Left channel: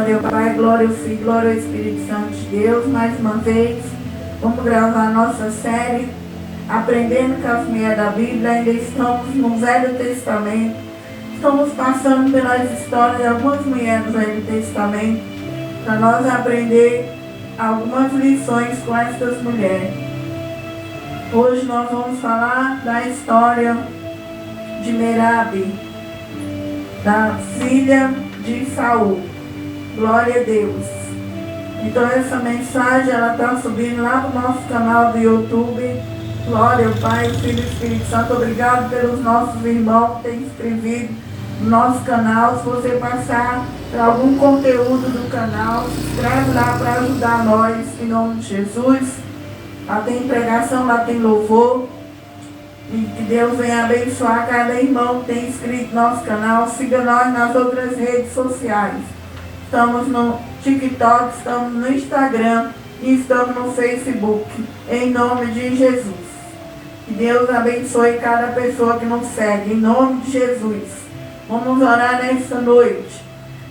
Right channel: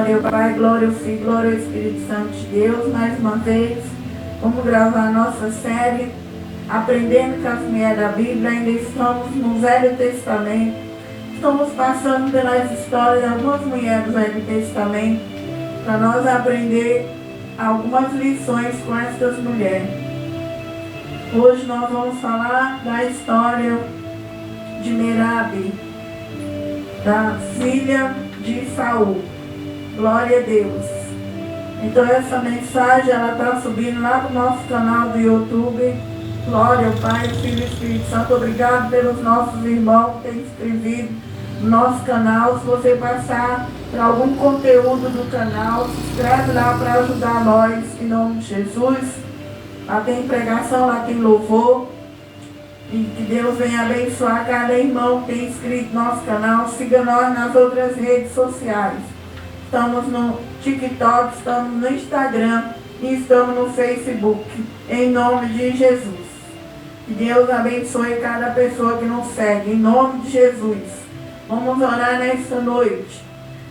Glória ao Pai, glória ao Filho, glória ao Espírito Santo de Deus. Mais uma vez, vamos gravar nossa série Aprendendo com as Mulheres da Bíblia. Ainda estamos no Velho Testamento. Estamos passando pelas histórias de algumas mulheres do Velho Testamento para nós aprender algumas lições com essas mulheres. Hoje nós vamos falar da história de Merabe, da filha de Saul. Glória a Deus. Então essa mensagem ela está subindo lá no nosso canal do YouTube. Glória ao Pai, Filho e Espírito Santo. Obrigado pelos nossos irmãos que têm inscrevido no nosso canal. Se você passar por algum conteúdo do canal, se inscreve lá para ajudar nós, em nome de Jesus. Lá tem pregação, lá tem louvor. E que Deus venha abençoar cada irmão que tem inscrito no nosso canal. Siga nós nas outras redes sociais. Estamos no TikTok, estamos no Instagram e estamos no Facebook. Em nome de Jesus. Que Deus abençoe cada pessoa que nos segue. Em nome de Jesus. Vamos orar nesta noite.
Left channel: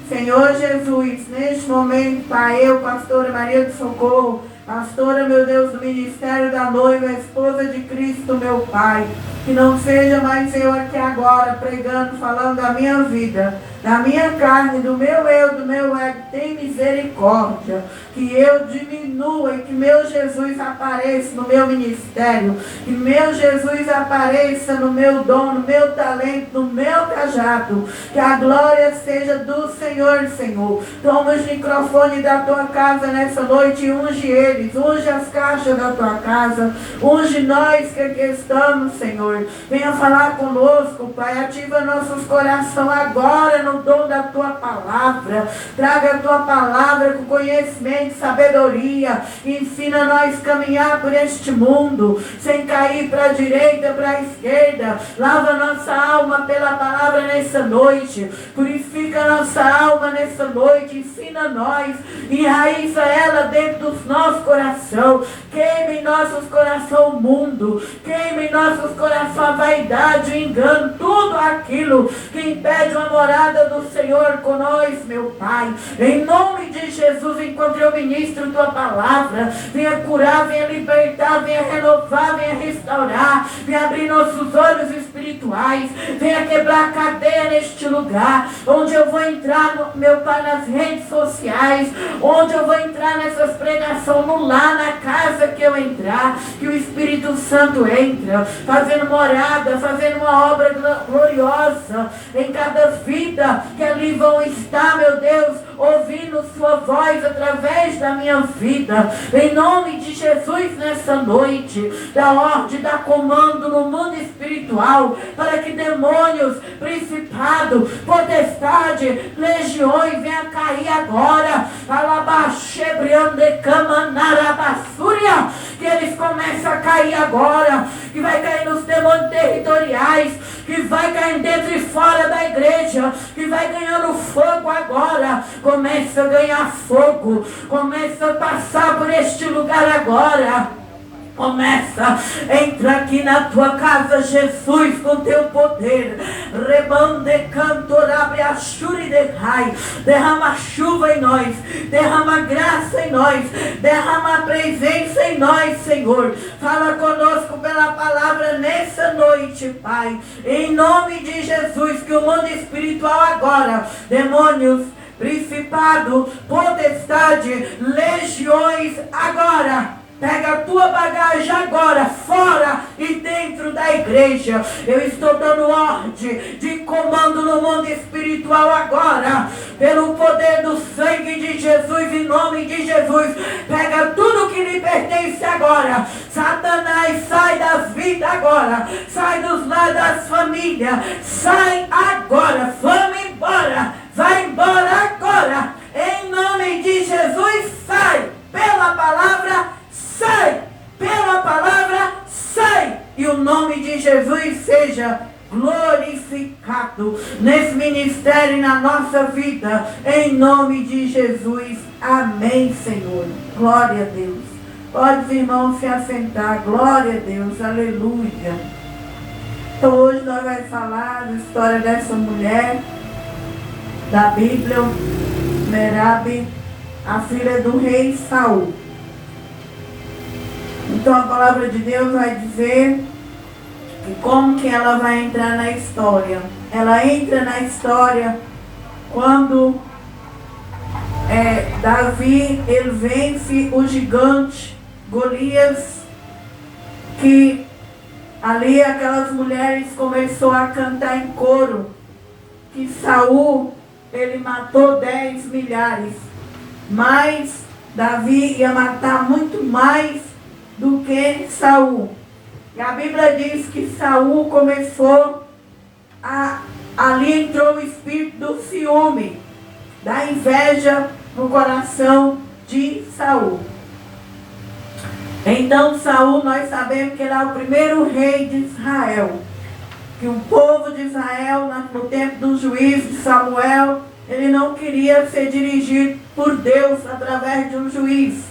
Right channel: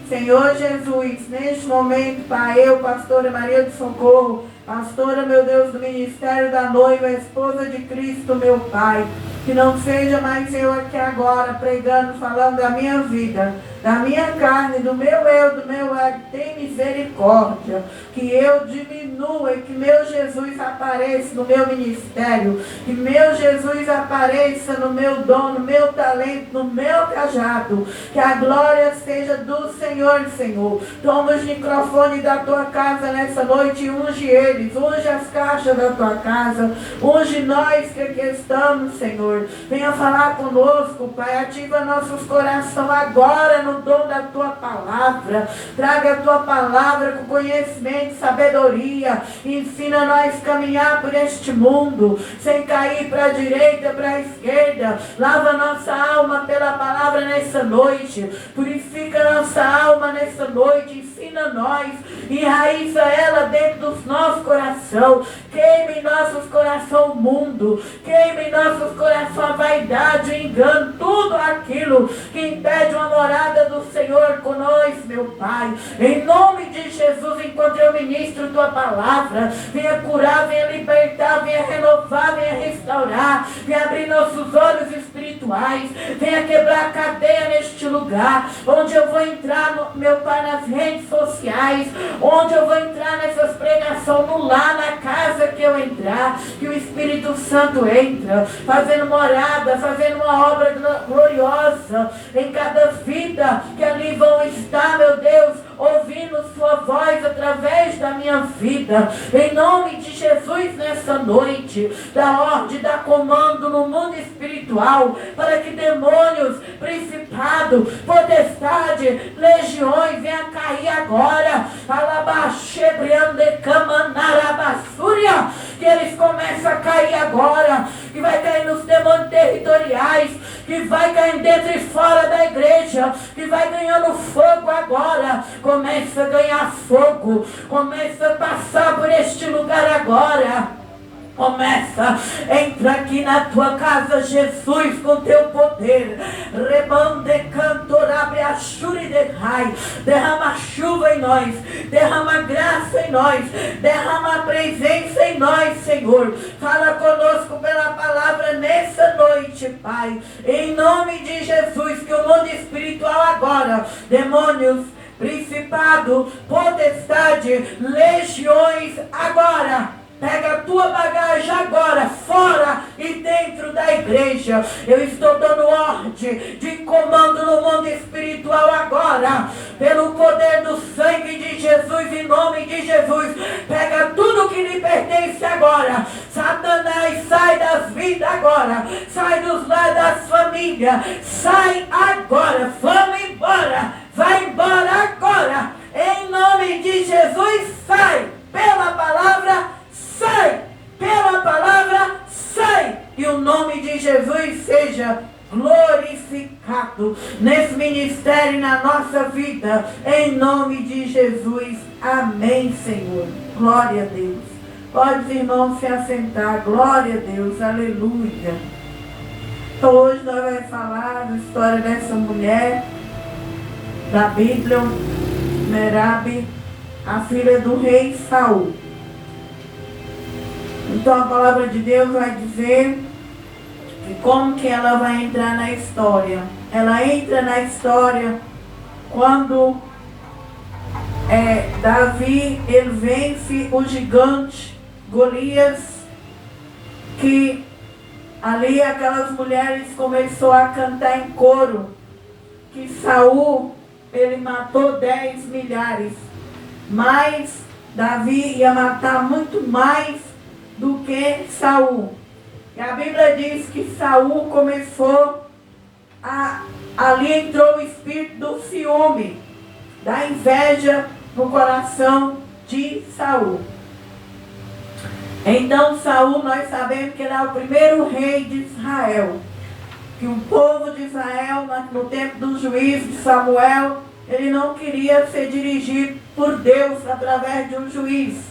Senhor Jesus, neste momento, Pai, eu, pastora Maria do Socorro, pastora, meu Deus, do Ministério da Noiva, esposa de Cristo, meu Pai, que não seja mais eu aqui agora pregando, falando da minha vida, da minha carne, do meu eu, do meu ego, tem misericórdia, que eu diminua e que meu Jesus apareça no meu ministério, que meu Jesus apareça no meu dom, no meu talento, no meu cajado, que a glória seja do Senhor, Senhor. Toma os microfones da tua casa nessa noite e unge eles, unge as caixas da tua casa, unge nós que aqui estamos, Senhor. Venha falar conosco, Pai, ativa nossos corações agora no dom da tua palavra. Traga a tua palavra com conhecimento e sabedoria. Ensina nós a caminhar por este mundo, sem cair para a direita, para a esquerda. Lava nossa alma pela palavra nessa noite. Purifica nossa alma nessa noite. Ensina nós, enraiza ela dentro dos nossos corações. Queime em nossos corações o mundo. Queime em nossos corações a vaidade, o engano, tudo aquilo que impede uma morada do Senhor com nós, meu Pai. Em nome de Jesus, enquanto eu ministro tua palavra, venha curar, venha libertar, venha renovar, venha restaurar, venha abrir nossos olhos espirituais, venha quebrar a cadeia neste lugar, onde eu vou entrar, meu Pai, nas redes sociais, onde eu vou entrar nessas pregações, no lar, na casa que eu entrar, que o Espírito Santo entra, fazendo morada, fazendo uma obra gloriosa em cada vida que ali vão estar, meu Deus, ouvindo sua voz através da minha vida. Em nome de Jesus, nessa noite, dá ordem, dá comando no mundo espiritual, para que demônios, principado, potestade, legiões venham cair agora. Que eles começam a cair agora, que vai cair nos demônios territoriais, que vai cair dentro e fora da igreja, que vai ganhando fogo agora. Começa a ganhar fogo, começa a passar por este lugar agora. Começa, entra aqui na tua casa, Jesus, com teu poder. Rebande cantor, abre a chura e derrai. Derrama chuva em nós, derrama graça em nós, derrama presença em nós, Senhor. Fala conosco pela palavra nessa noite, Pai. Em nome de Jesus, que o mundo espiritual agora, demônios, principado, potestade, legiões agora. Pega a tua bagagem agora, fora e dentro da igreja. Eu estou dando ordem de comando no mundo espiritual agora. Pelo poder do sangue de Jesus, em nome de Jesus. Pega tudo que lhe pertence agora. Satanás, sai das vidas agora. Sai dos lares das famílias. Sai agora. Vamos embora. Vai embora agora. Em nome de Jesus, sai. Pela palavra, sai, pela palavra, sai, e o nome de Jesus seja glorificado nesse ministério e na nossa vida, em nome de Jesus, amém, Senhor, glória a Deus. Pode os irmãos se assentar, glória a Deus, aleluia. Então hoje nós vamos falar da história dessa mulher da Bíblia, Merabe, a filha do rei Saul. Então a palavra de Deus vai dizer que como que ela vai entrar na história. Ela entra na história quando Davi, ele vence o gigante Golias, que ali aquelas mulheres começaram a cantar em coro, que Saul, ele matou 10 milhares, mas Davi ia matar muito mais do que Saul. E a Bíblia diz que Saul começou ali entrou o espírito do ciúme, da inveja no coração de Saul. Então Saul, nós sabemos que ele é o primeiro rei de Israel. Que o povo de Israel, no tempo do juiz de Samuel, ele não queria ser dirigido por Deus através de um juiz.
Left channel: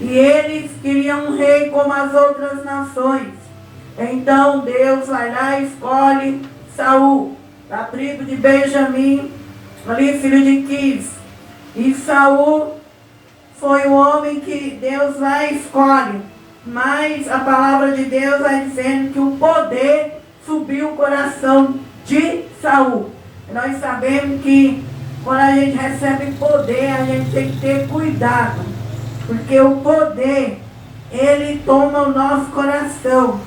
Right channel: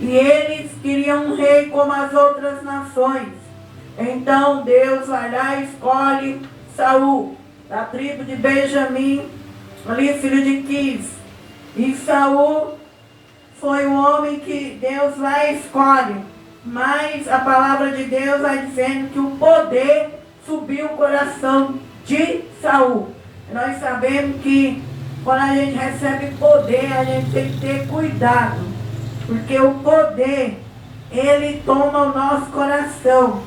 E eles queriam um rei como as outras nações. Então Deus vai lá e escolhe Saul, da tribo de Benjamim, ali filho de Quis. E Saul foi um homem que Deus lá escolhe. Mas a palavra de Deus vai dizendo que o poder subiu o coração de Saul. Nós sabemos que quando a gente recebe poder, a gente tem que ter cuidado. Porque o poder, ele toma o nosso coração.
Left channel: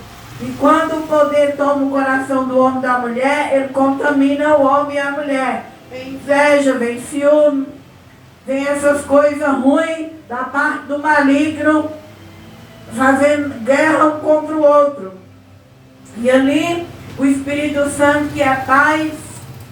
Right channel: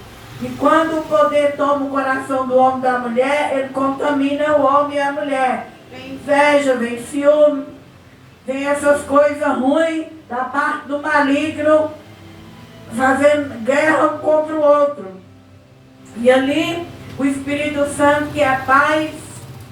E quando o poder toma o coração do homem e da mulher, ele contamina o homem e a mulher. Vem inveja, vem ciúme, vem essas coisas ruins da parte do maligno, fazendo guerra um contra o outro. E ali, o Espírito Santo, que é paz,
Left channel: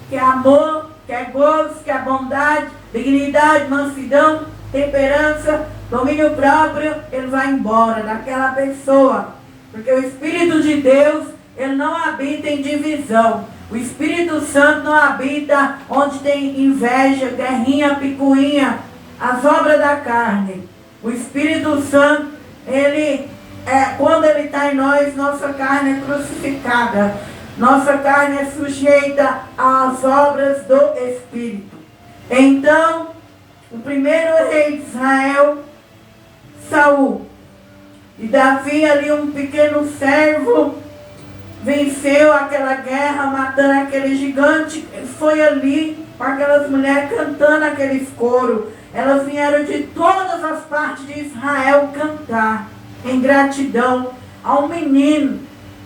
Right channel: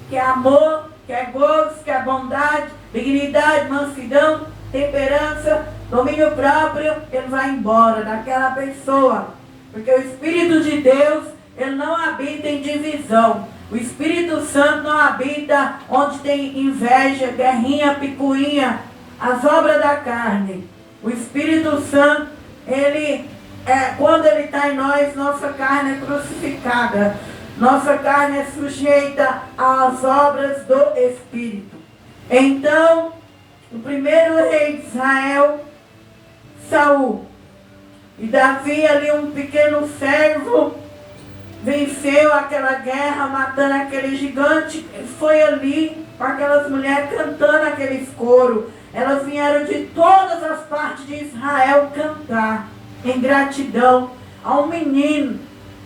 que é amor, que é gozo, que é bondade, dignidade, mansidão, temperança, domínio próprio, ele vai embora daquela pessoa. Porque o Espírito de Deus, ele não habita em divisão. O Espírito Santo não habita onde tem inveja, guerrinha, picuinha, as obras da carne. O Espírito Santo, ele quando ele está em nós, nossa carne é crucificada. Nossa carne é sujeita às obras do Espírito. Então, o primeiro rei de Israel, Saul. E Davi, ali um pequeno servo, venceu aquela guerra, matando aquele gigante. Foi ali com aquelas mulheres cantando aqueles coros. Elas vieram de todas as partes de Israel cantar em gratidão a um menino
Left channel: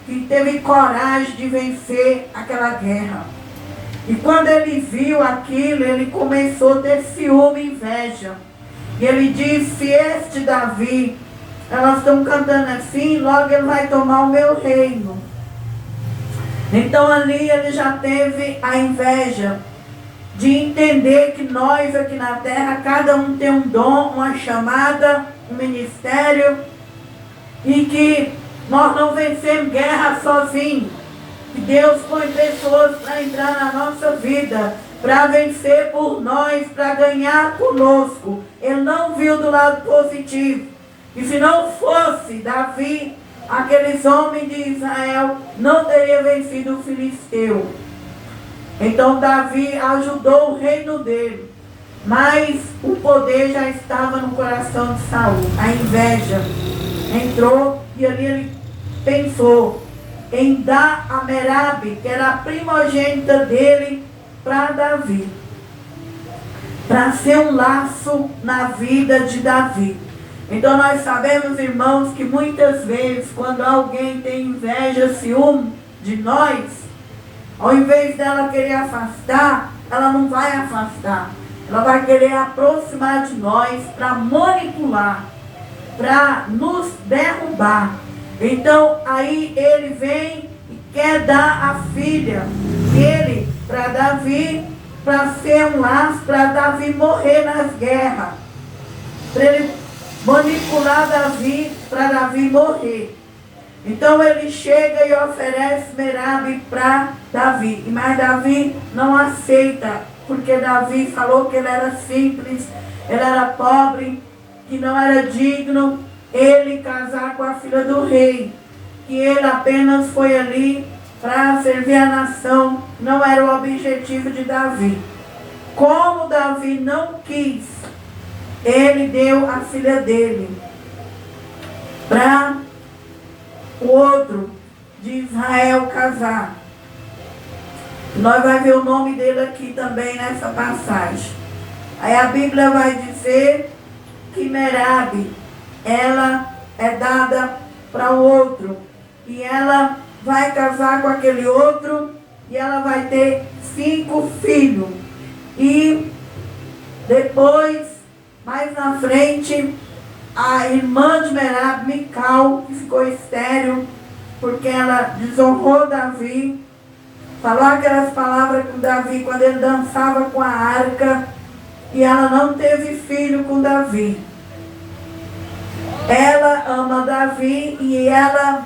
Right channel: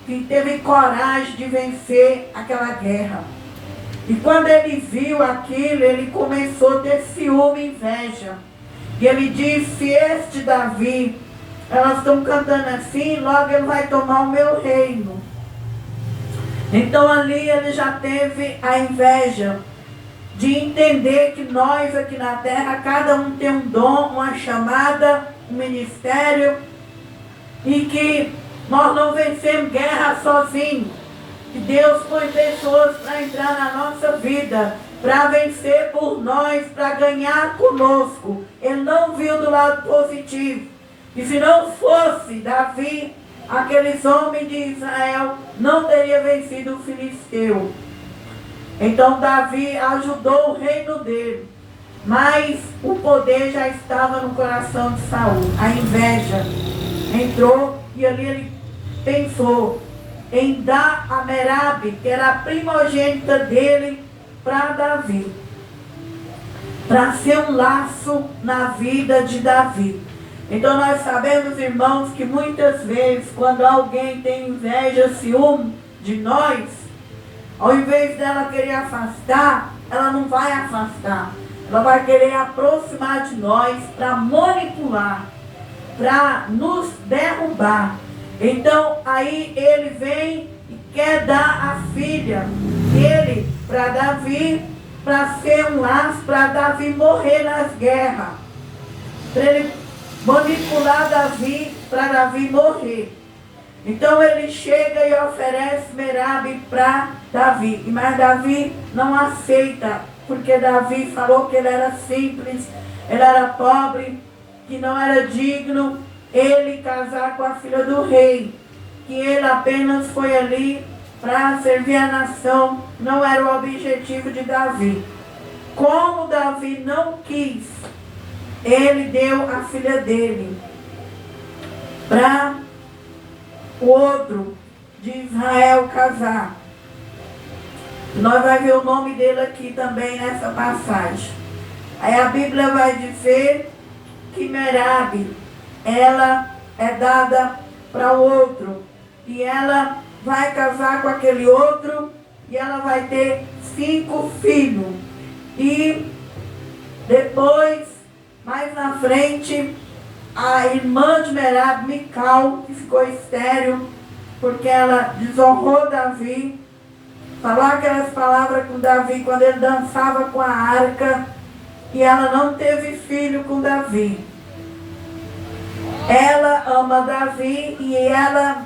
que teve coragem de vencer aquela guerra. E quando ele viu aquilo, ele começou a ter ciúme e inveja. E ele disse: este Davi, elas estão cantando assim, logo ele vai tomar o meu reino. Então ali ele já teve a inveja de entender que nós aqui na terra, cada um tem um dom, uma chamada, um ministério, e que nós não vencemos guerra sozinhos. Que Deus põe pessoas para entrar na nossa vida, para vencer por nós, para ganhar conosco. Ele não viu do lado positivo. E se não fosse Davi, aqueles homens de Israel não teriam vencido o filisteu. Então Davi ajudou o reino dele. Mas o poder já estava no coração de Saul. A inveja entrou e ali ele pensou em dar a Merabe, que era a primogênita dele, para Davi. Para ser um laço na vida de Davi. Então nós sabemos, irmãos, que muitas vezes quando alguém tem inveja, ciúme de nós, ao invés dela querer afastar, ela não vai afastar. Ela vai querer aproximar de nós para manipular, para nos derrubar. Então aí ele vem e quer dar a filha dele para Davi, para ser um laço, para Davi morrer nas guerras. Para ele manipular Davi, para Davi morrer. Então ele chega e oferece Merabe para Davi. Mas Davi não aceita, porque Davi falou que ele era simples, ele era pobre, que não era digno ele casar com a filha do rei. Que ele apenas foi ali para servir a nação, não era o objetivo de Davi. como Davi não quis, ele deu a filha dele para o outro de Israel casar. Nós vamos ver o nome dele aqui também nessa passagem. Aí a Bíblia vai dizer que Merabe, ela é dada para o outro. E ela vai casar com aquele outro e ela vai ter 5 filhos. E depois, mais na frente, a irmã de Merabe, Mical, que ficou estéril, porque ela desonrou Davi, falou aquelas palavras com Davi quando ele dançava com a arca, e ela não teve filho com Davi. Ela ama Davi e ela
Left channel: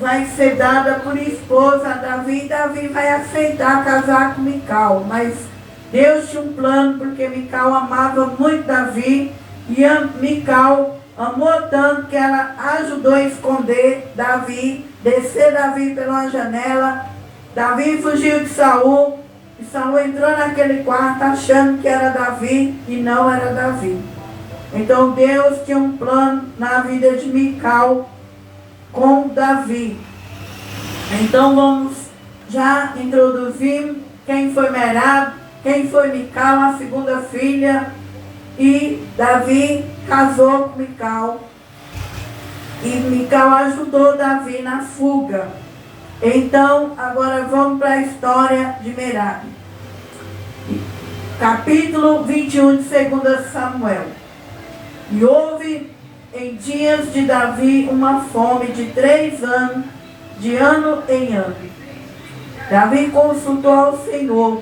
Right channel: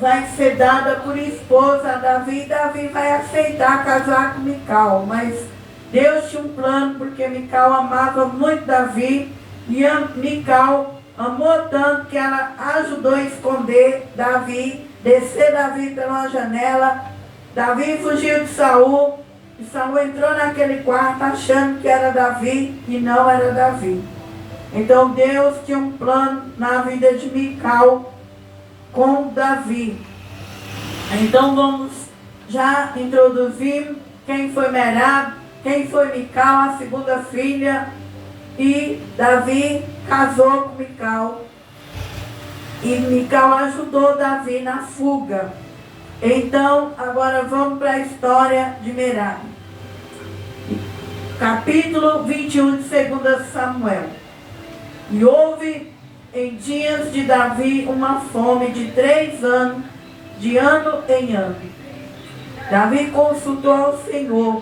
vai ser dada por esposa a Davi, e Davi vai aceitar casar com Mical, mas Deus tinha um plano, porque Mical amava muito Davi, e Mical amou tanto que ela ajudou a esconder Davi, descer Davi pela janela. Davi fugiu de Saul, e Saul entrou naquele quarto achando que era Davi, e não era Davi. Então Deus tinha um plano na vida de Mical com Davi. Então vamos já introduzir quem foi Merabe, quem foi Mical, a segunda filha. E Davi casou com Mical. E Mical ajudou Davi na fuga. Então, agora vamos para a história de Merabe. Capítulo 21 de 2 Samuel. E houve em dias de Davi uma fome de 3 anos, de ano em ano. Davi consultou ao Senhor,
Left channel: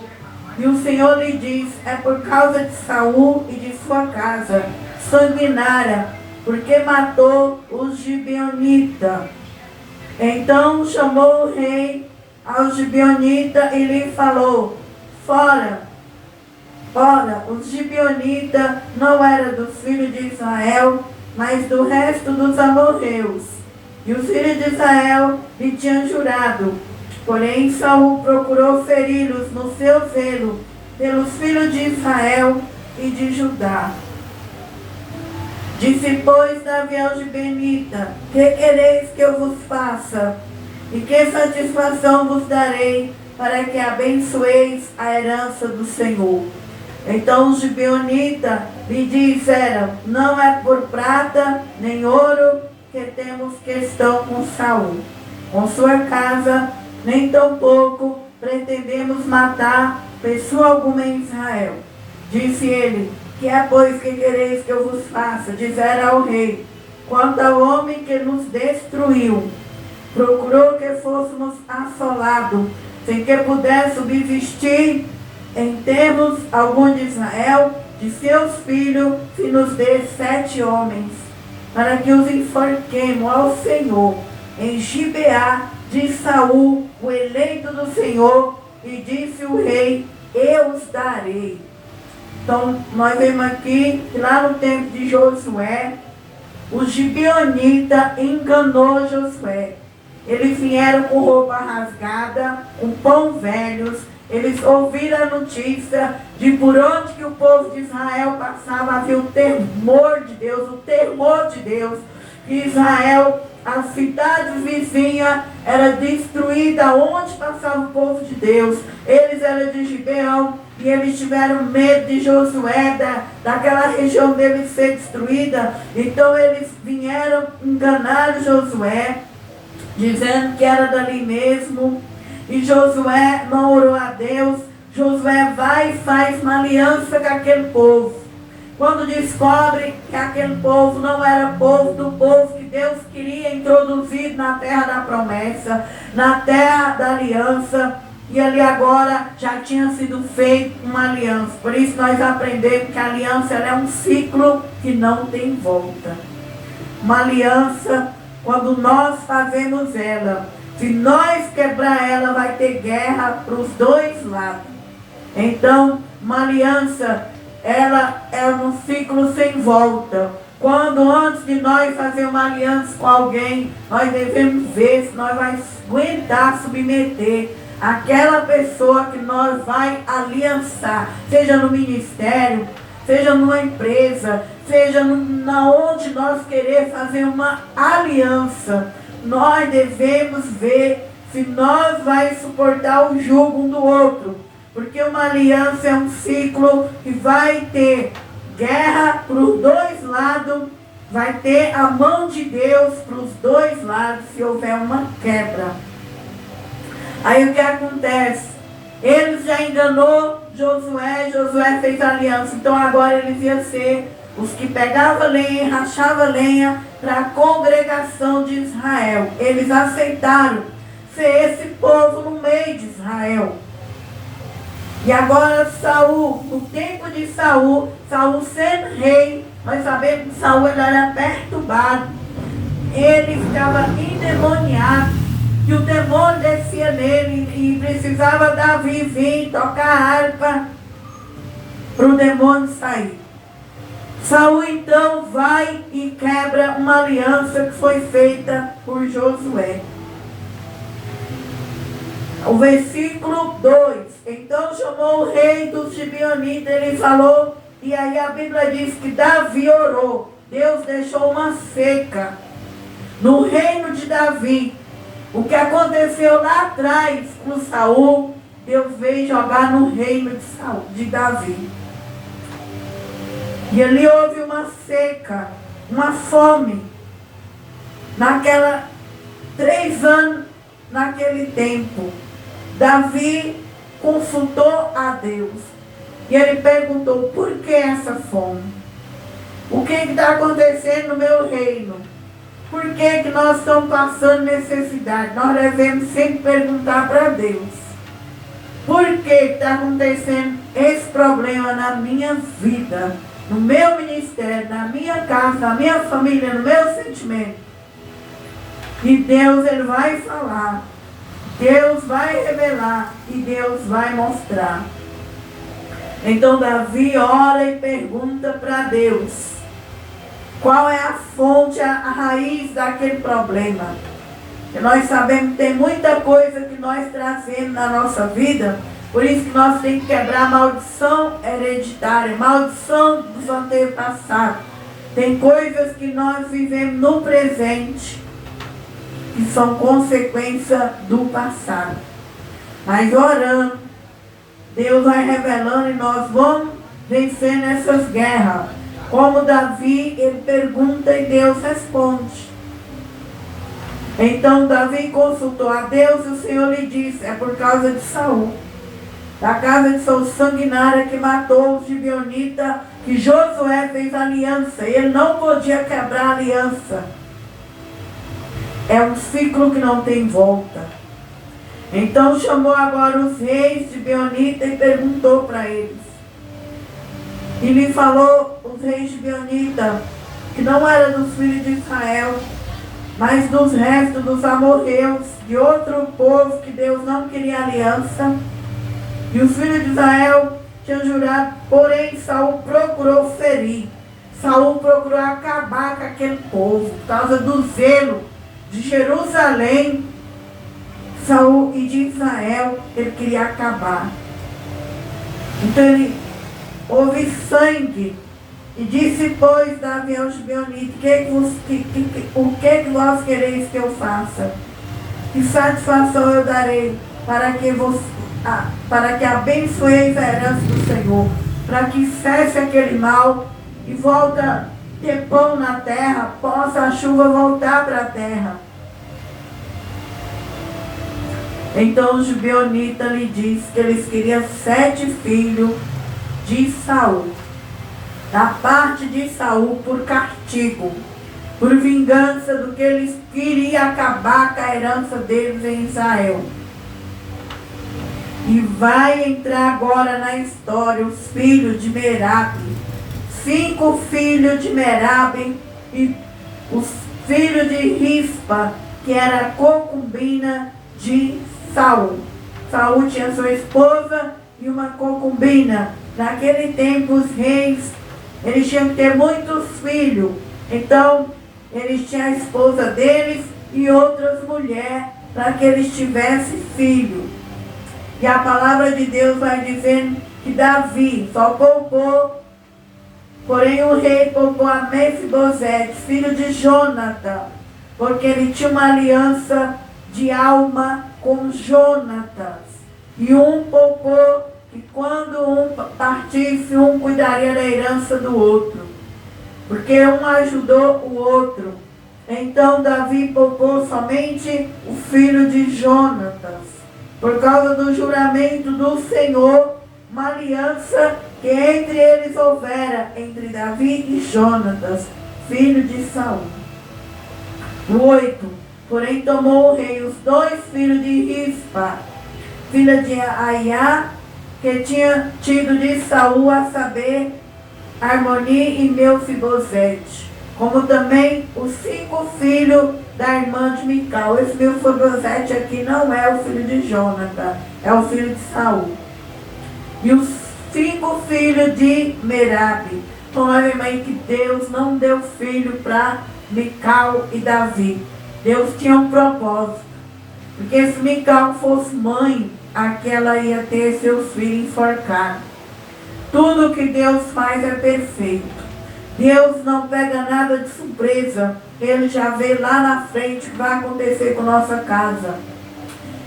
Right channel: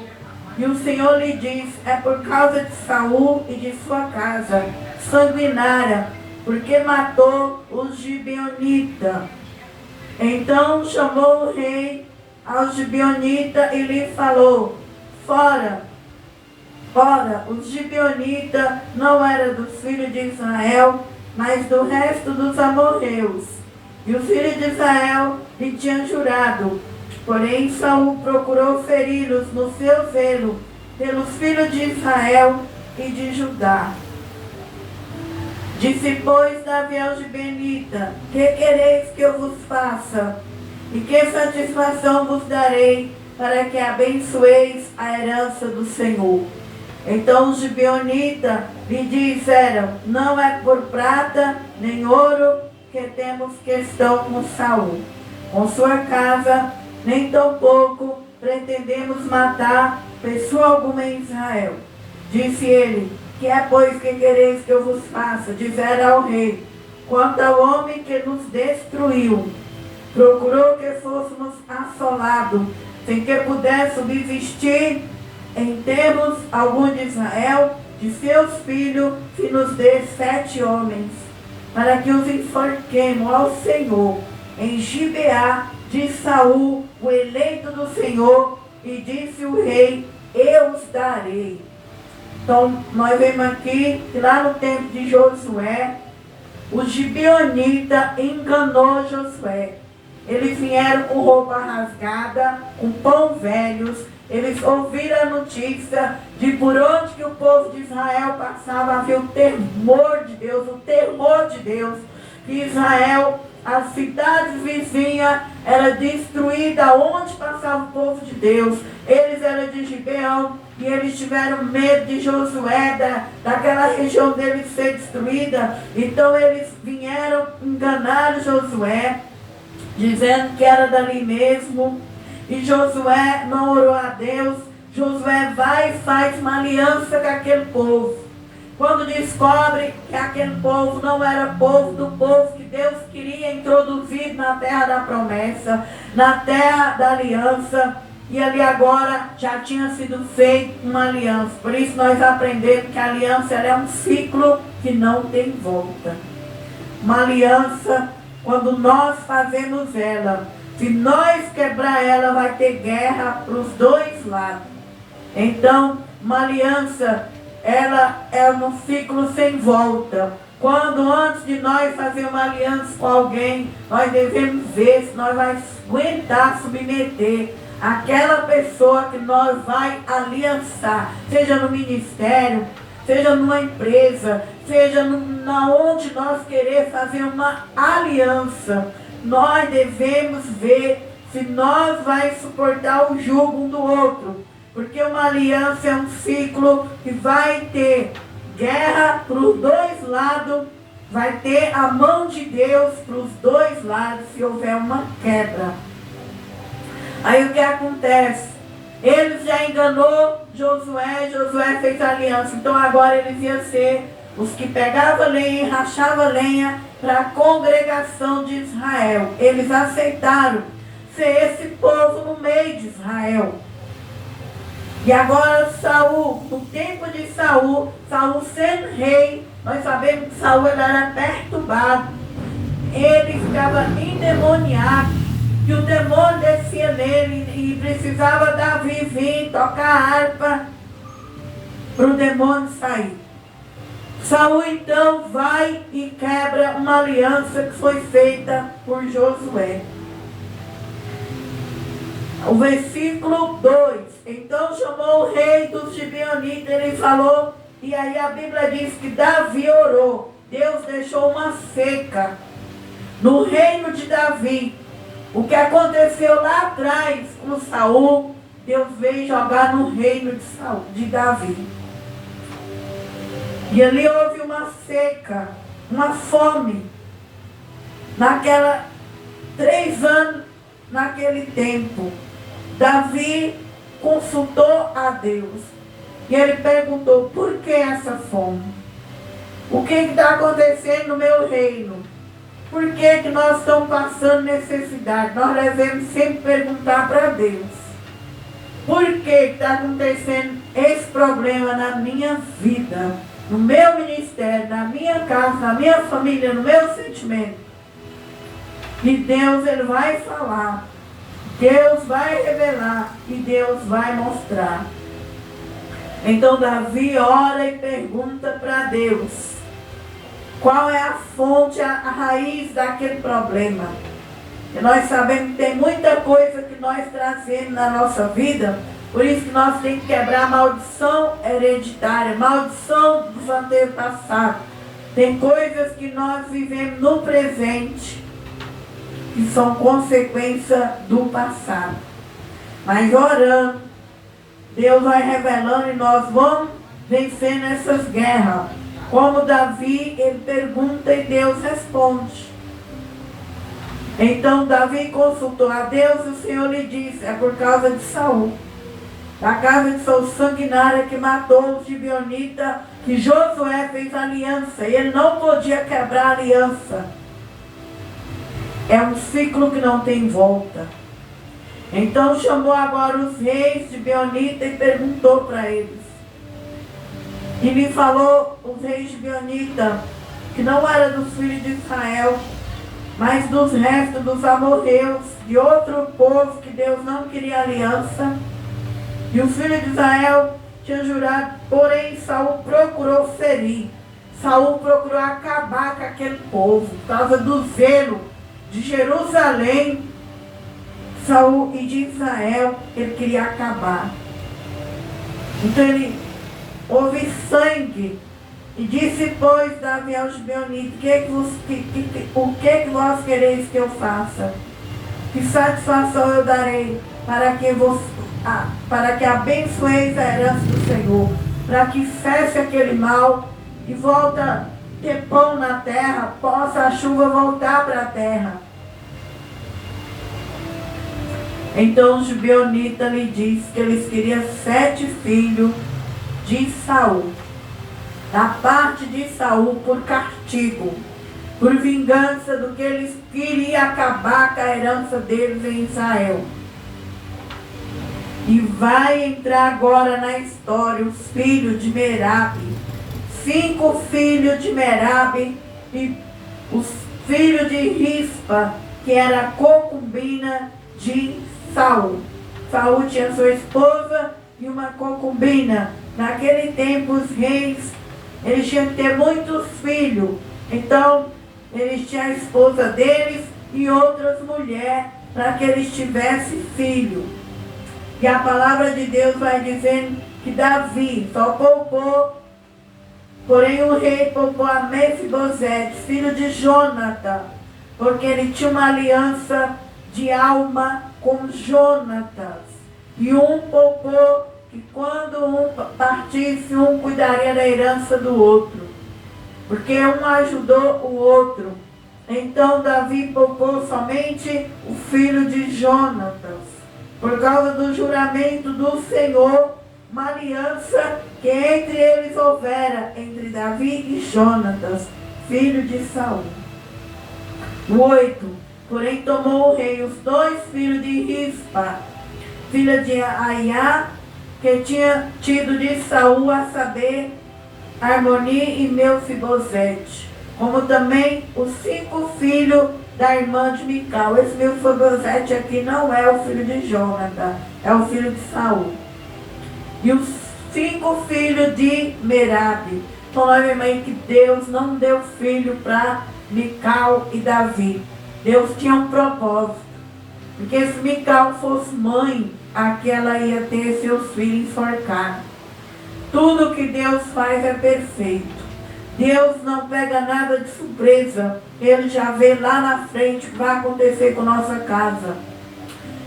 e o Senhor lhe diz: é por causa de Saul e de sua casa sanguinária, porque matou os gibeonitas. Então chamou o rei aos gibeonitas e lhe falou: fora. Ora, os gibeonitas não eram dos filhos de Israel, mas do resto dos amorreus. E os filhos de Israel lhe tinham jurado. Porém, Saul procurou feri-los no seu zelo pelos filhos de Israel e de Judá. Disse, pois, Davi aos gibeonitas: que quereis que eu vos faça? E que satisfação vos darei, para que abençoeis a herança do Senhor? Então os gibeonitas lhe disseram: não é por prata nem ouro que temos questão com Saul, com sua casa, nem tampouco pretendemos matar pessoa alguma em Israel. Disse ele: que é, pois, que quereis que eu vos faça? Disseram ao rei: quanto ao homem que nos destruiu, procurou que fôssemos assolados, sem que pudesse subsistir em termos algum de Israel, de seus filhos, se nos dê 7 homens, para que os enforquemos ao Senhor em Gibeá de Saul, o eleito do Senhor. E disse o rei: eu os darei. Então nós vemos aqui que lá no tempo de Josué, o gibeonita enganou Josué. Eles vieram com roupa rasgada, com pão velhos. Eles ouviram a notícia de por onde que o povo de Israel passava, havia o temor de Deus, o temor de Deus. Que Israel, as cidades vizinhas, era destruída onde passava o povo de Deus. Eles eram de Gibeão e eles tiveram medo de Josué, daquela região deles ser destruída. Então eles vieram enganar Josué, dizendo que era dali mesmo. E Josué não orou a Deus. Josué vai e faz uma aliança com aquele povo. Quando descobre que aquele povo não era povo do povo que Deus queria introduzir na terra da promessa, na terra da aliança, e ali agora já tinha sido feita uma aliança. Por isso nós aprendemos que a aliança ela é um ciclo que não tem volta. Uma aliança, quando nós fazemos ela, se nós quebrar ela, vai ter guerra para os dois lados. Então, uma aliança, ela é um ciclo sem volta. Quando antes de nós fazer uma aliança com alguém, nós devemos ver se nós vamos aguentar submeter aquela pessoa que nós vai aliançar, seja no ministério, seja numa empresa, seja na onde nós querer fazer uma aliança, nós devemos ver se nós vai suportar o jugo um do outro, porque uma aliança é um ciclo que vai ter guerra para os dois lados, vai ter a mão de Deus para os dois lados se houver uma quebra. Aí o que acontece? Eles já enganou Josué, Josué fez aliança, então agora eles iam ser os que pegavam lenha e rachavam lenha para a congregação de Israel. Eles aceitaram ser esse povo no meio de Israel. E agora Saul, no tempo de Saul, Saul sendo rei, nós sabemos que Saul ele era perturbado. Ele estava endemoniado. E o demônio descia nele e precisava Davi vir tocar a harpa para o demônio sair. Saul então vai e quebra uma aliança que foi feita por Josué. O versículo 2. Então chamou o rei dos Gibeonitas, ele falou, e aí a Bíblia diz que Davi orou. Deus deixou uma seca no reino de Davi. O que aconteceu lá atrás com Saul, Deus veio jogar no reino de Davi. E ali houve uma seca, uma fome. 3 anos naquele tempo. Davi consultou a Deus. E ele perguntou, por que essa fome? O que está acontecendo no meu reino? Por que nós estamos passando necessidade? Nós devemos sempre perguntar para Deus. Por que está acontecendo esse problema na minha vida, no meu ministério, na minha casa, na minha família, no meu sentimento? E Deus ele vai falar. Deus vai revelar e Deus vai mostrar. Então Davi ora e pergunta para Deus. Qual é a fonte, a raiz daquele problema? E nós sabemos que tem muita coisa que nós trazemos na nossa vida, por isso que nós temos que quebrar a maldição hereditária, maldição dos antepassados. Tem coisas que nós vivemos no presente, que são consequência do passado. Mas orando, Deus vai revelando e nós vamos vencendo essas guerras. Como Davi, ele pergunta e Deus responde. Então Davi consultou a Deus e o Senhor lhe disse, é por causa de Saul, da casa de Saul sanguinária que matou os gibeonitas, que Josué fez aliança. Ele não podia quebrar a aliança. É um ciclo que não tem volta. Então chamou agora os reis de Gibeonitas e perguntou para eles. E lhe falou os reis de Gibeonitas, que não era dos filhos de Israel, mas dos restos dos amorreus, de outro povo que Deus não queria aliança. E os filhos de Israel tinham jurado, porém Saul procurou ferir. Saul procurou acabar com aquele povo, por causa do zelo de Jerusalém, Saul e de Israel, ele queria acabar. Então houve sangue. E disse, pois, Davi aos gibeonitas, o que vós quereis que eu faça? Que satisfação eu darei para que abençoeis a herança do Senhor, para que cesse aquele mal e volta ter pão na terra, possa a chuva voltar para a terra. Então os gibeonitas lhe disse que eles queriam 7 filhos de Saul, da parte de Saul, por castigo, por vingança do que eles queriam acabar com a herança deles em Israel. E vai entrar agora na história os filhos de Merabe, 5 filhos de Merabe, e os filhos de Rispa, que era concubina de Saul. Saul tinha sua esposa e uma concubina. Naquele tempo os reis, eles tinham que ter muitos filhos. Então, eles tinham a esposa deles e outras mulheres, para que eles tivessem filho. E a palavra de Deus vai dizendo que Davi só poupou, porém o rei poupou a Mefibosete, filho de Jonatã, porque ele tinha uma aliança de alma com Jonatas. E um poupou que quando um partisse, um cuidaria da herança do outro, porque um ajudou o outro. Então Davi poupou somente o filho de Jonatas, por causa do juramento do Senhor, uma aliança que entre eles houvera, entre Davi e Jonatas, filho de Saul. 8. Porém tomou o rei os 2 filhos de Rispa, filha de Aiá, que tinha tido de Saul, a saber, Armoni e Mefibosete, como também os 5 filhos da irmã de Mical. Esse Mefibosete aqui não é o filho de Jonatã, é o filho de Saul. E os 5 filhos de Merabe. Então, obviamente, que Deus não deu filho para Mical e Davi. Deus tinha um propósito. Porque se Mical fosse mãe, aqui ela ia ter seus filhos enforcados. Tudo que Deus faz é perfeito. Deus não pega nada de surpresa. Ele já vê lá na frente o que vai acontecer com nossa casa.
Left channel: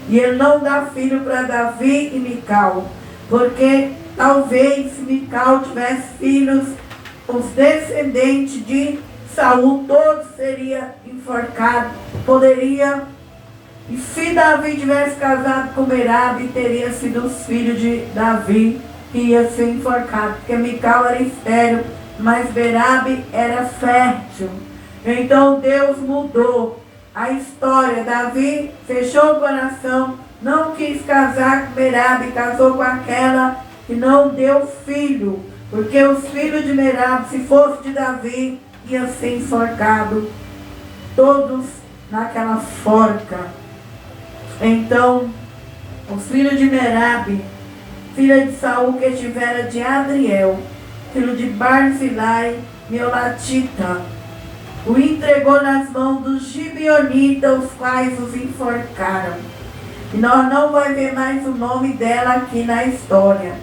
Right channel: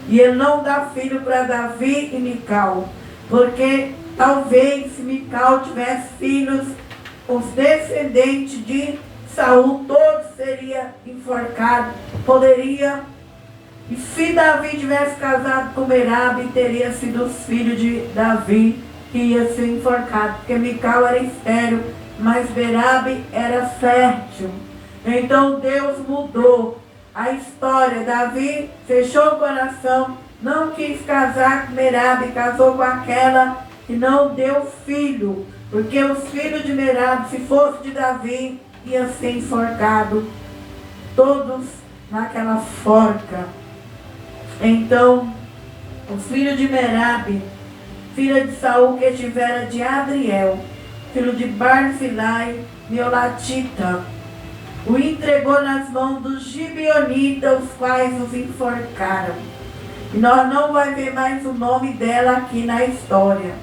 E ele não dá filho para Davi e Mical, porque talvez se Mical tivesse filhos, os descendentes de Saul todos seriam enforcados. Poderia. E se Davi tivesse casado com Merabe, teria sido os filhos de Davi que ia ser enforcado, porque Mical era estéril, mas Merabe era fértil. Então Deus mudou a história. Davi fechou o coração, não quis casar com Merabe, casou com aquela que não deu filho, porque os filhos de Merabe, se fosse de Davi, ia ser enforcado, todos naquela forca. Então, os filhos de Merabe, filha de Saul, que tivera de Adriel, filho de Barzilai, Meolatita, o entregou nas mãos dos gibeonitas, os quais os enforcaram. E nós não vamos ver mais o nome dela aqui na história.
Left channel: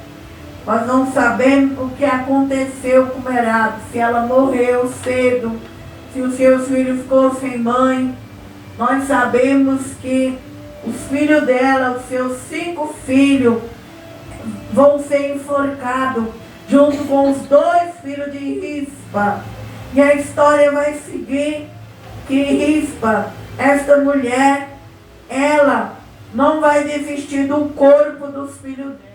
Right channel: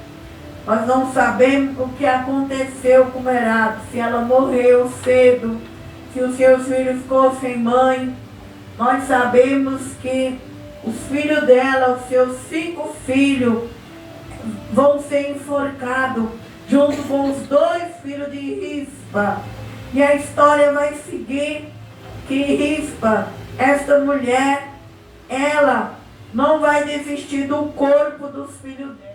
Nós não sabemos o que aconteceu com Merabe, se ela morreu cedo, se os seus filhos ficou sem mãe. Nós sabemos que os filhos dela, os seus 5 filhos, vão ser enforcados, junto com os 2 filhos de Rispa. E a história vai seguir que Rispa, esta mulher, ela não vai desistir do corpo dos filhos dela.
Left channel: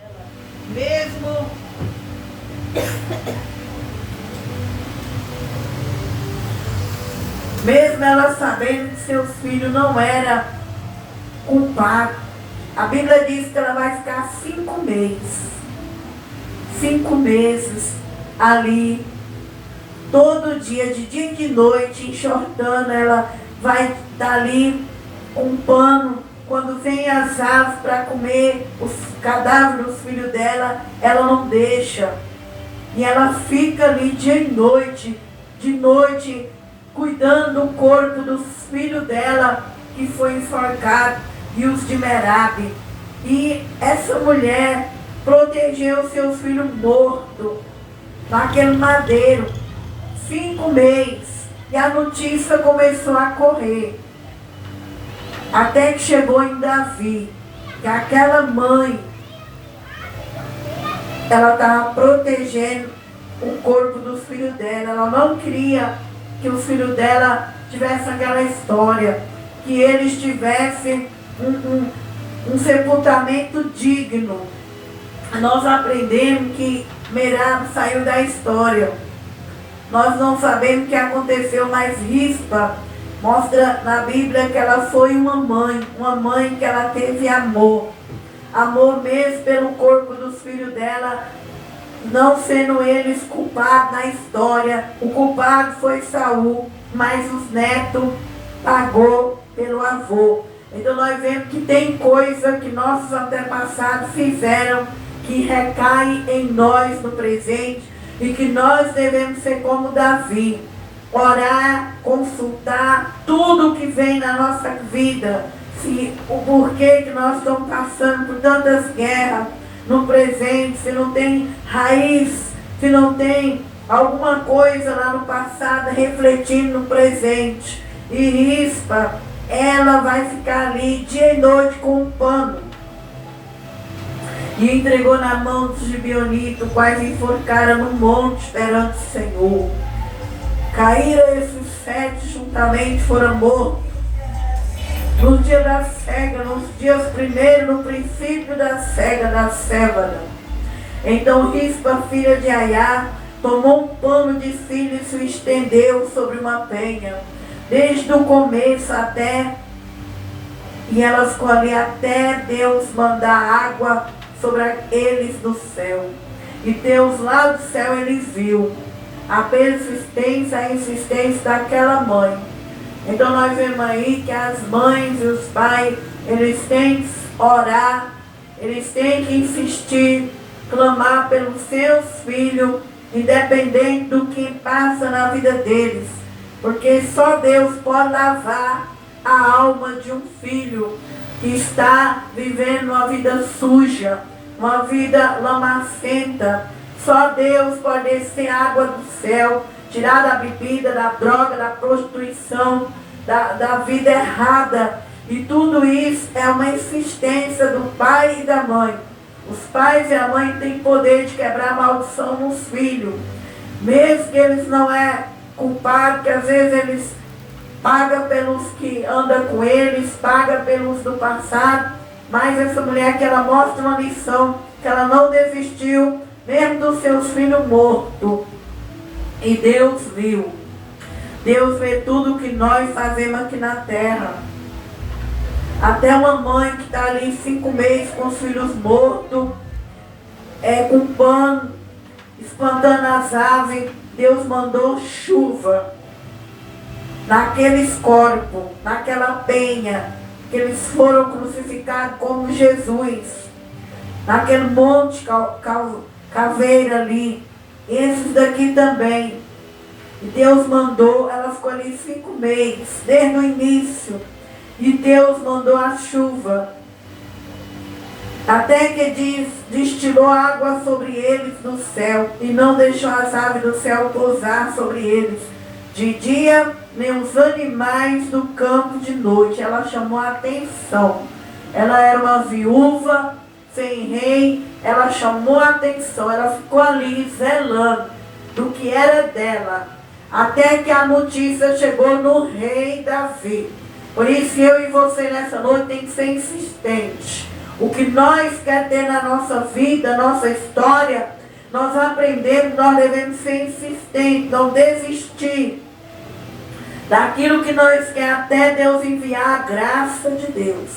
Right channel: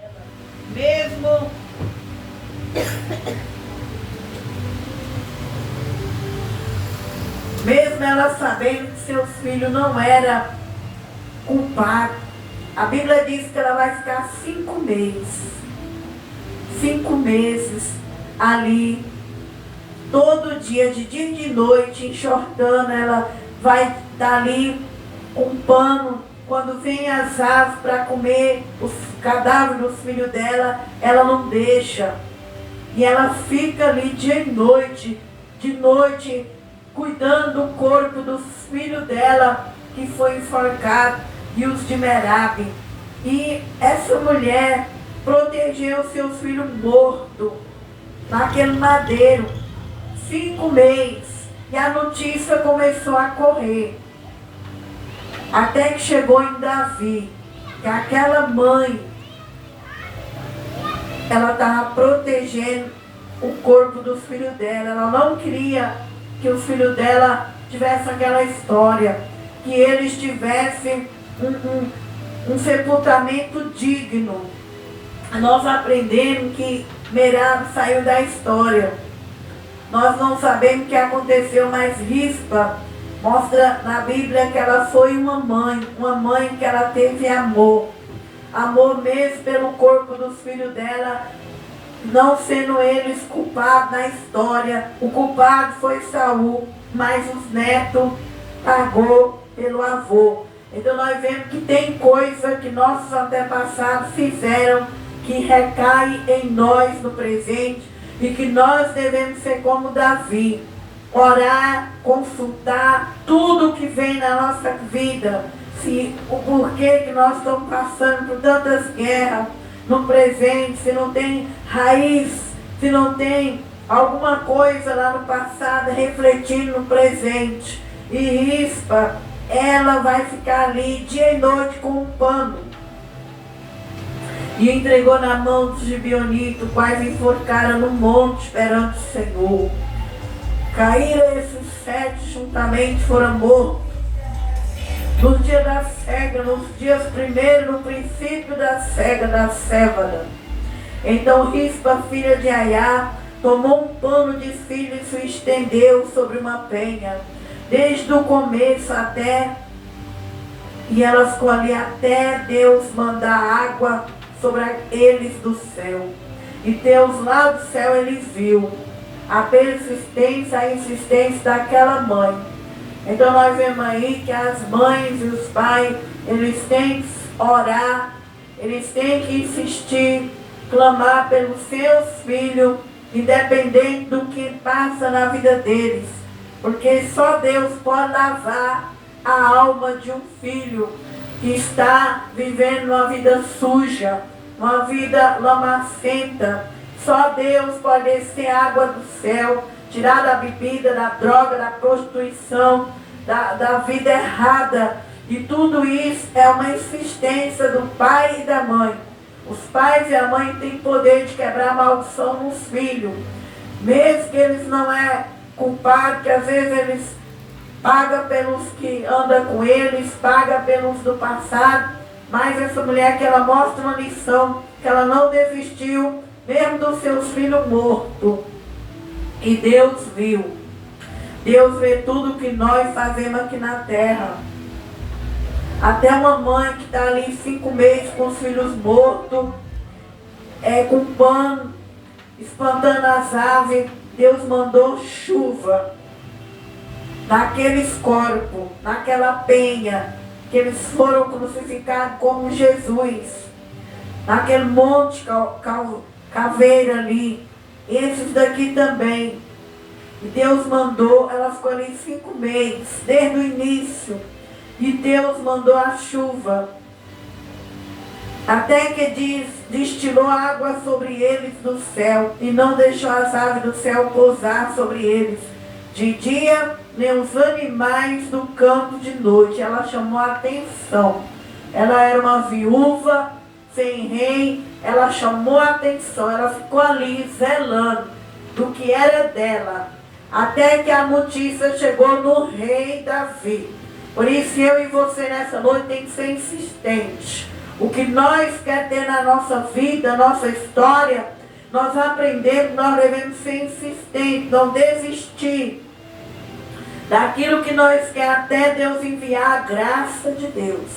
Mesmo ela sabendo que seus filhos não eram culpados. A Bíblia diz que ela vai ficar 5 meses. 5 meses ali, todo dia, de dia e de noite, enxortando. Ela vai estar ali com um pano. Quando vem as aves para comer os cadáveres dos filhos dela, ela não deixa. E ela fica ali dia e noite, de noite, cuidando do corpo dos filhos dela, que foi enforcado, e os de Merabe. E essa mulher protegeu seus filhos mortos naquele madeiro 5 meses, e a notícia começou a correr, até que chegou em Davi, que aquela mãe, ela estava protegendo o corpo dos filhos dela. Ela não queria que os filhos dela tivessem aquela história, que eles tivessem um sepultamento digno. Nós aprendemos que Merabe saiu da história. Nós não sabemos o que aconteceu, mas Rispa mostra na Bíblia que ela foi uma mãe que ela teve amor mesmo pelo corpo dos filhos dela, não sendo eles culpados na história. O culpado foi Saul, mas os netos pagou pelo avô. Então nós vemos que tem coisa que nossos antepassados fizeram que recai em nós no presente, e que nós devemos ser como Davi, orar, consultar tudo que vem na nossa vida, se o porquê que nós estamos passando por tantas guerras no presente, se não tem raiz, se não tem alguma coisa lá no passado refletindo no presente. E Rispa, ela vai ficar ali dia e noite com um pano. E entregou na mão dos gibeonitas, quais enforcaram no monte perante o Senhor. Caíram esses 7 juntamente, foram mortos. No dia da cega, nos dias primeiros, no princípio da cega, da cevada. Então Rispa, filha de Aiá, tomou um pano de filho e se estendeu sobre uma penha, desde o começo até, e ela ficou ali até Deus mandar água sobre eles do céu. E Deus lá do céu, ele viu a persistência, a insistência daquela mãe. Então nós vemos aí que as mães e os pais, eles têm que orar, eles têm que insistir, clamar pelos seus filhos, independente do que passa na vida deles. Porque só Deus pode lavar a alma de um filho que está vivendo uma vida suja, uma vida lamacenta. Só Deus pode descer água do céu, tirar da bebida, da droga, da prostituição, da vida errada. E tudo isso é uma insistência do pai e da mãe. Os pais e a mãe têm poder de quebrar a maldição nos filhos. Mesmo que eles não é culpado, porque às vezes eles pagam pelos que andam com eles, pagam pelos do passado. Mas essa mulher que ela mostra uma lição, que ela não desistiu, mesmo dos seus filhos mortos. E Deus viu. Deus vê tudo o que nós fazemos aqui na terra. Até uma mãe que está ali 5 meses com os filhos mortos, com pano, espantando as aves, Deus mandou chuva naqueles corpos, naquela penha, que eles foram crucificados como Jesus, naquele monte caveira ali. Esses daqui também. E Deus mandou, ela ficou ali 5 meses, desde o início. E Deus mandou a chuva. Até que destilou água sobre eles do céu. E não deixou as aves do céu pousar sobre eles de dia, nem os animais do campo de noite. Ela chamou a atenção. Ela era uma viúva, sem rei. Ela chamou a atenção. Ela ficou ali zelando do que era dela. Até que a notícia chegou no rei Davi. Por isso eu e você nessa noite tem que ser insistente. O que nós queremos ter na nossa vida, nossa história, nós aprendemos, nós devemos ser insistentes, não desistir daquilo que nós queremos, até Deus enviar a graça de Deus.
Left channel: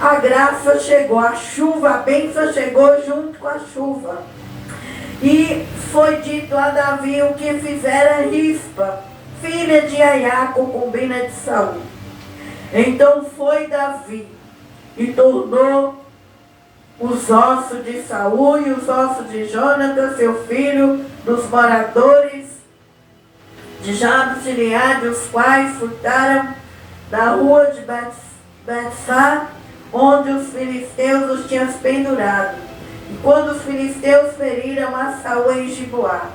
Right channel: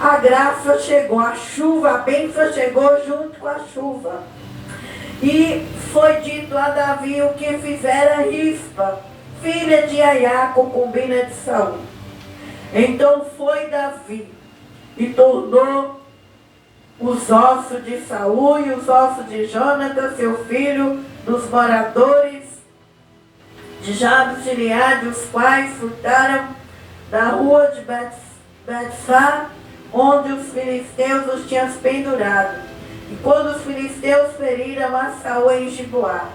A graça chegou, a chuva, a bênção chegou junto com a chuva. E foi dito a Davi o que fizera Rispa, filha de Aiá, concubina de Saul. Então foi Davi e tornou os ossos de Saul e os ossos de Jonatas, seu filho, dos moradores de Jabes de Gileade, os quais furtaram da rua de Betsá, onde os filisteus os tinham pendurado. E quando os filisteus feriram a Saul em Giboá,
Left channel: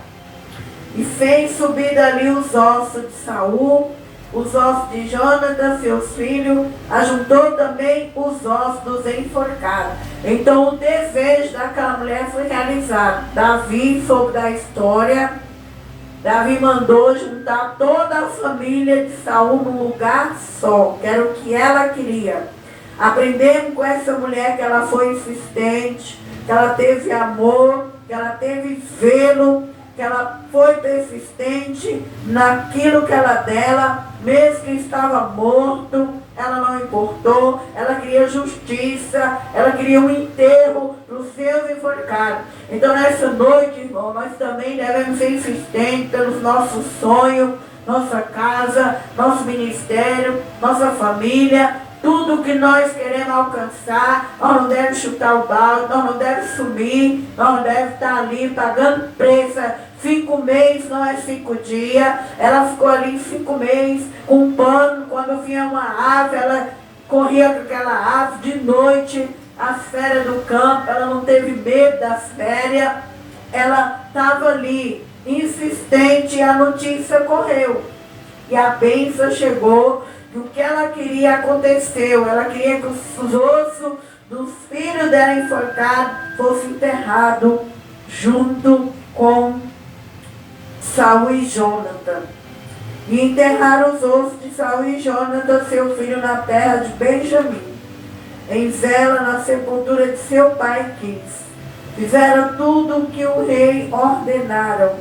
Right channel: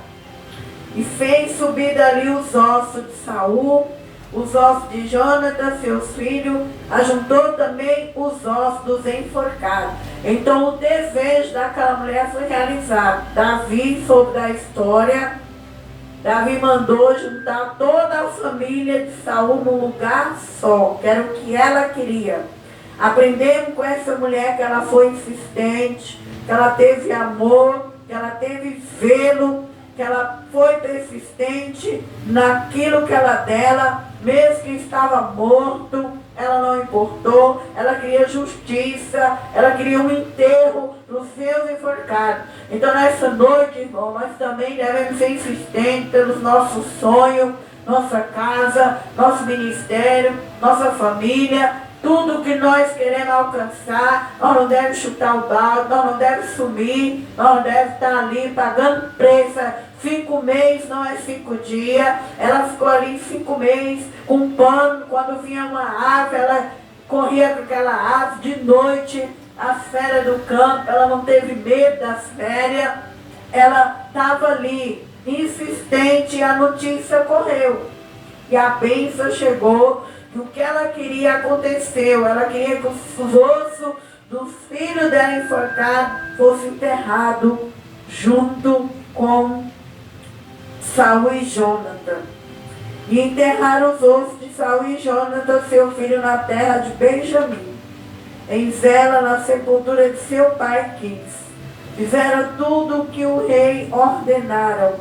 e fez subir dali os ossos de Saul, os ossos de Jonatas, seus filhos, ajuntou também os ossos dos enforcados. Então o desejo daquela mulher foi realizado. Davi soube da história. Davi mandou juntar toda a família de Saul num lugar só, que era o que ela queria. Aprendemos com essa mulher que ela foi insistente, que ela teve amor, que ela teve zelo, que ela foi persistente naquilo que ela dela, mesmo que estava morto, ela não importou, ela queria justiça, ela queria um enterro para os seus enforcados. Então nessa noite, irmão, nós também devemos ser insistentes pelos nossos sonhos, nossa casa, nosso ministério, nossa família. Tudo que nós queremos alcançar, nós não devemos chutar o balde, nós não devemos sumir, nós não devemos estar ali pagando preço. 5 meses não é 5 dias. Ela ficou ali 5 meses com um pano. Quando vinha uma ave, ela corria com aquela ave de noite, as férias do campo, ela não teve medo das férias, ela estava ali, insistente, e a notícia correu. E a bênção chegou, e o que ela queria aconteceu. Ela queria que os ossos dos filhos dela enforcados fossem enterrados junto com Saul e Jonathan. E enterraram os ossos de Saul e Jonathan, seu filho, na terra de Benjamim, em Zela, na sepultura de seu pai quis. Fizeram tudo o que o rei ordenaram.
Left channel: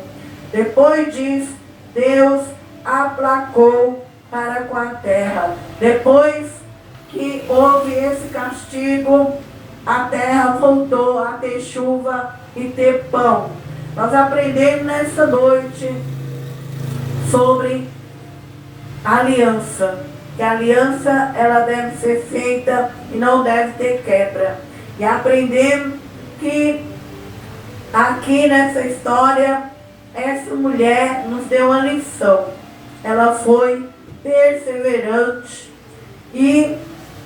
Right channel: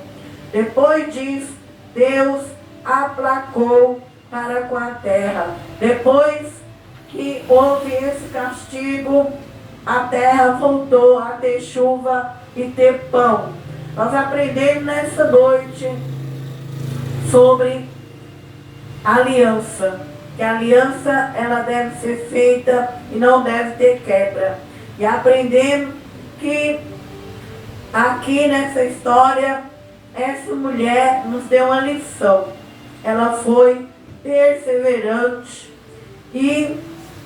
Depois disso, Deus aplacou para com a terra. Depois que houve esse castigo, a terra voltou a ter chuva e ter pão. Nós aprendemos nessa noite sobre aliança. Que a aliança, ela deve ser feita e não deve ter quebra. E aprendemos que aqui nessa história, essa mulher nos deu uma lição. Ela foi perseverante e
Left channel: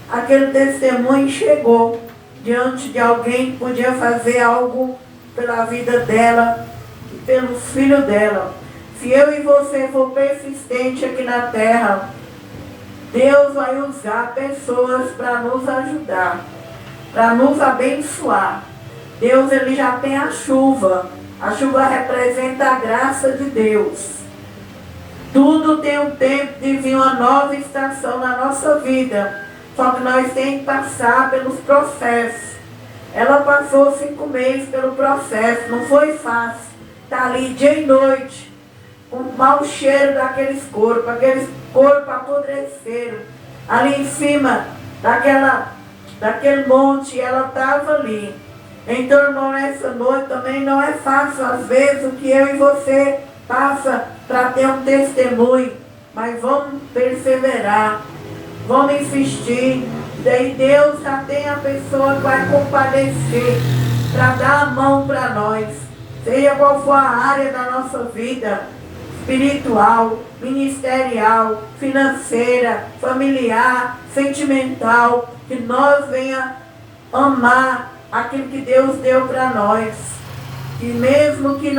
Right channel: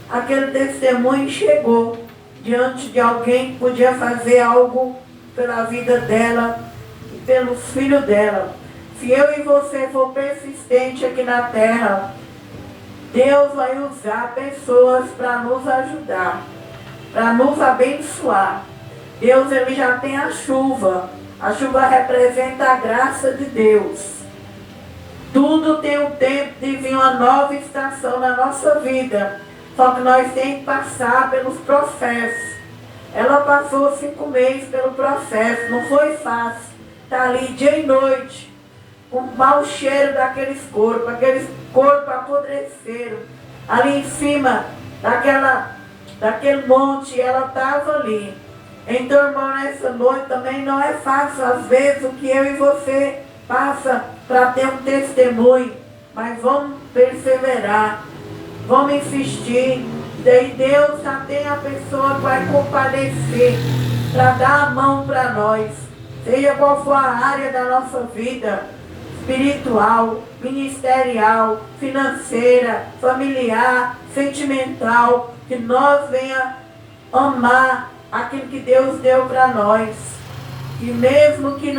aquele testemunho chegou diante de alguém que podia fazer algo pela vida dela e pelos filhos dela. Se eu e você for persistente aqui na terra, Deus vai usar pessoas para nos ajudar, para nos abençoar. Deus, ele já tem a chuva. A chuva representa a graça de Deus. Tudo tem um tempo de vir uma nova estação na nossa vida. Só que nós temos que passar pelos processos. Ela passou 5 meses pelo processo. Não foi fácil. Está ali dia e noite, com o mau cheiro daqueles corpos apodreceram. Ali em cima daquele monte, ela estava ali. Então, irmão, nessa noite também não é fácil, às vezes, o que eu e você passa para ter um testemunho. Mas vamos perseverar, vamos insistir. Daí Deus já tem a pessoa que vai compadecer para dar a mão para nós. Seja qual for a área da nossa vida, espiritual, ministerial, financeira, familiar, sentimental, que nós venha amar aquilo que Deus deu para nós. E mesmo que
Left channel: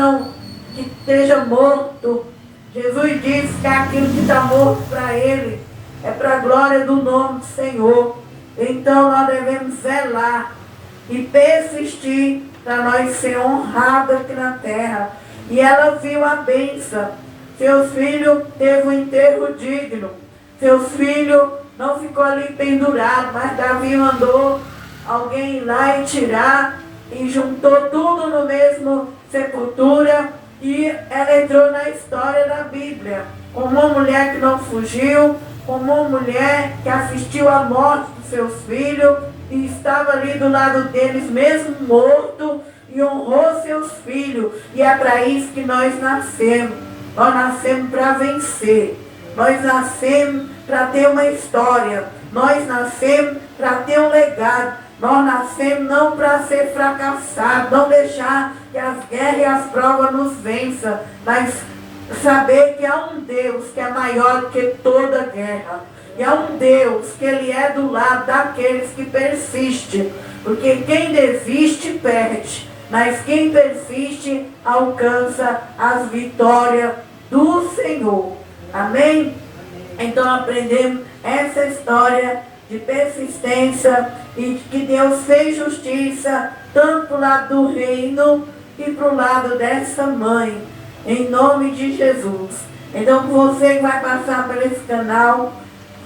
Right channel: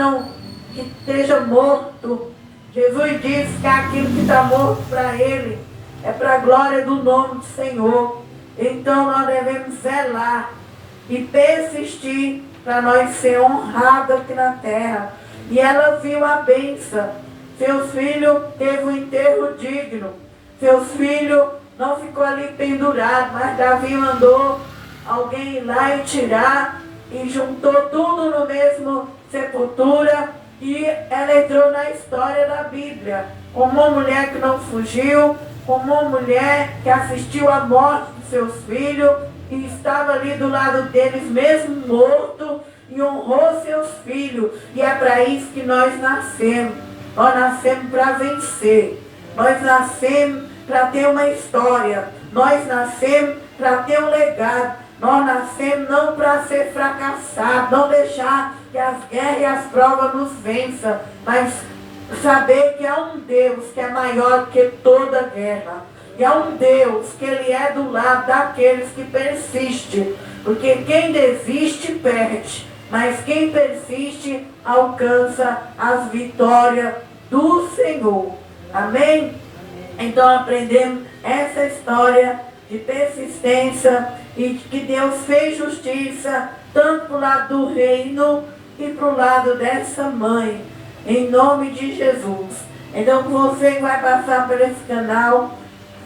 esteja morto, Jesus disse que aquilo que está morto para Ele é para a glória do nome do Senhor. Então nós devemos zelar e persistir para nós ser honrados aqui na terra. E ela viu a bênção. Seus filhos teve um enterro digno. Seus filhos não ficou ali pendurado, mas Davi mandou alguém ir lá e tirar e juntou tudo no mesmo sepultura, e ela entrou na história da Bíblia como uma mulher que não fugiu, como uma mulher que assistiu à morte dos seus filhos e estava ali do lado deles mesmo morto e honrou seus filhos. E é para isso que nós nascemos. Nós nascemos para vencer. Nós nascemos para ter uma história. Nós nascemos para ter um legado. Nós nascemos não para ser fracassados, não deixar que as guerras e as provas nos vençam, mas saber que há um Deus que é maior do que toda guerra. E há um Deus que Ele é do lado daqueles que persistem. Porque quem desiste perde, mas quem persiste alcança as vitórias do Senhor. Amém? Então aprendemos essa história de persistência e que Deus fez justiça tanto para o lado do reino e para o lado dessa mãe, em nome de Jesus. Então, você que vai passar por esse canal,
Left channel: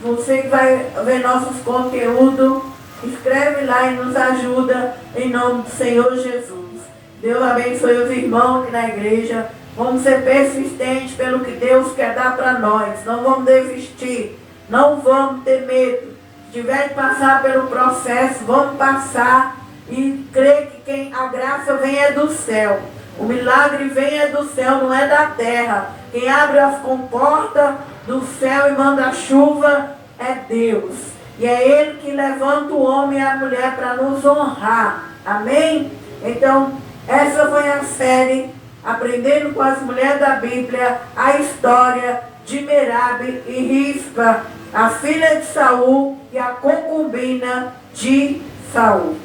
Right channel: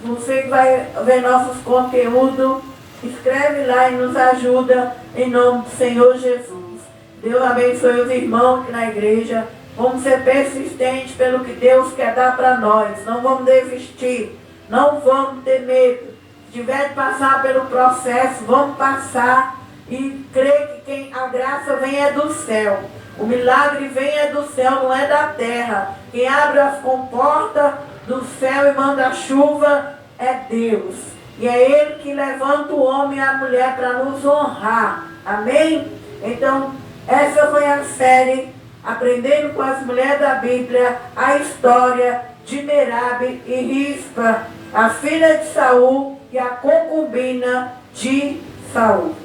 você que vai ver nossos conteúdos, escreve lá e nos ajuda em nome do Senhor Jesus. Deus abençoe os irmãos aqui na igreja. Vamos ser persistentes pelo que Deus quer dar para nós. Não vamos desistir, não vamos ter medo. Se tiver de passar pelo processo, vamos passar e crer que a graça vem é do céu. O milagre vem é do céu, não é da terra. Quem abre as comportas do céu e manda a chuva é Deus. E é Ele que levanta o homem e a mulher para nos honrar. Amém? Então, essa foi a série Aprendendo com as Mulheres da Bíblia, a história de Merabe e Rispa, a filha de Saul e a concubina de Saul.